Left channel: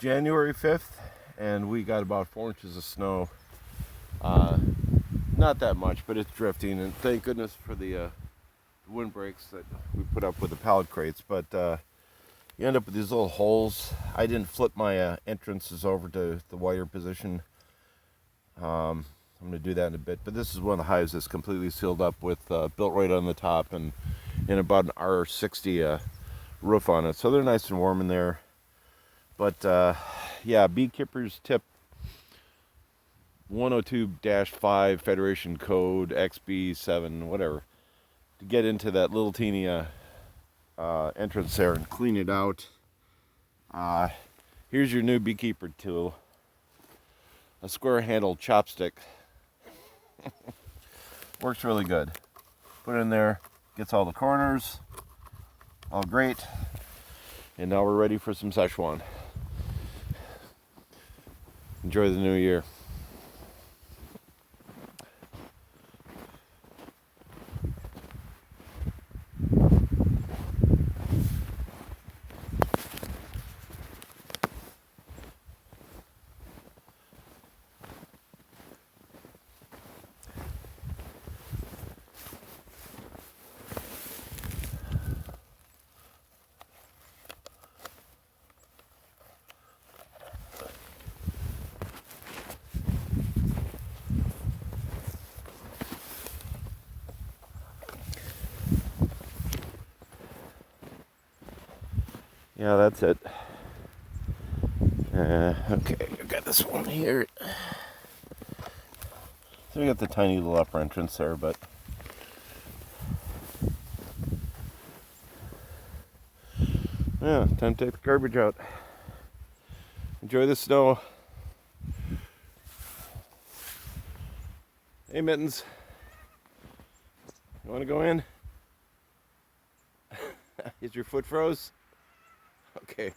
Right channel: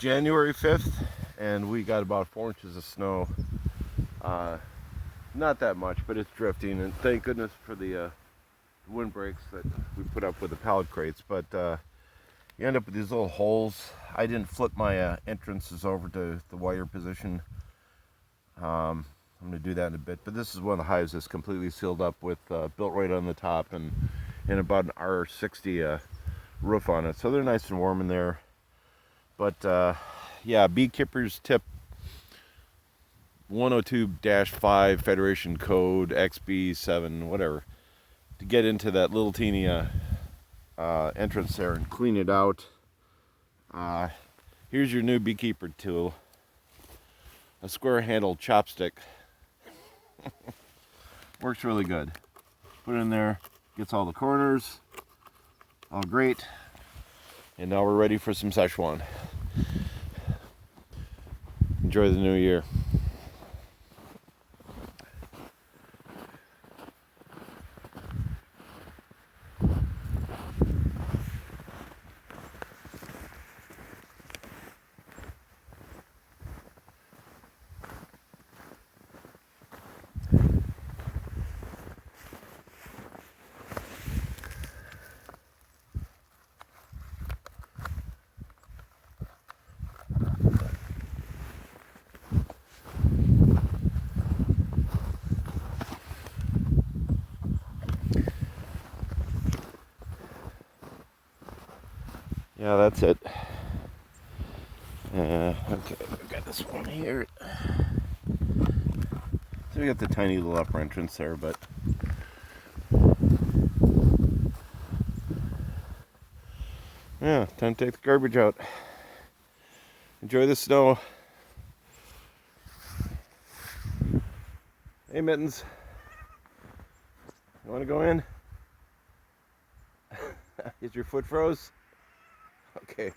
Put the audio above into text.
January 5th, and we got about 4 inches of snow. Not that much, but it's drifting, and thank goodness for the windbreaks that we put up with the pallet crates. But you end up with these little holes. I didn't flip my entrances over to the wire position. I'm going to do that in a bit, but this is one of the hives that's completely sealed up with built right on the top and in about an R60 roof on it, so they're nice and warm in there. But yeah, Beekeeper's tip 102-5 Federation Code XB7 whatever to get into that little teeny entrance there and clean it out. Here's your new Beekeeper tool, a square handled chopstick. Works really good. Put it in there, gets all the corners, all great. And now we're ready for some Szechuan. Enjoy the new year. Yeah, that's it. Okay, we got this one here. So we got the tiny little upper entrance there, but yeah, time to take the garbage out. Enjoy the snow. Hey, Mittens. You want to go in? Is your foot froze? Okay.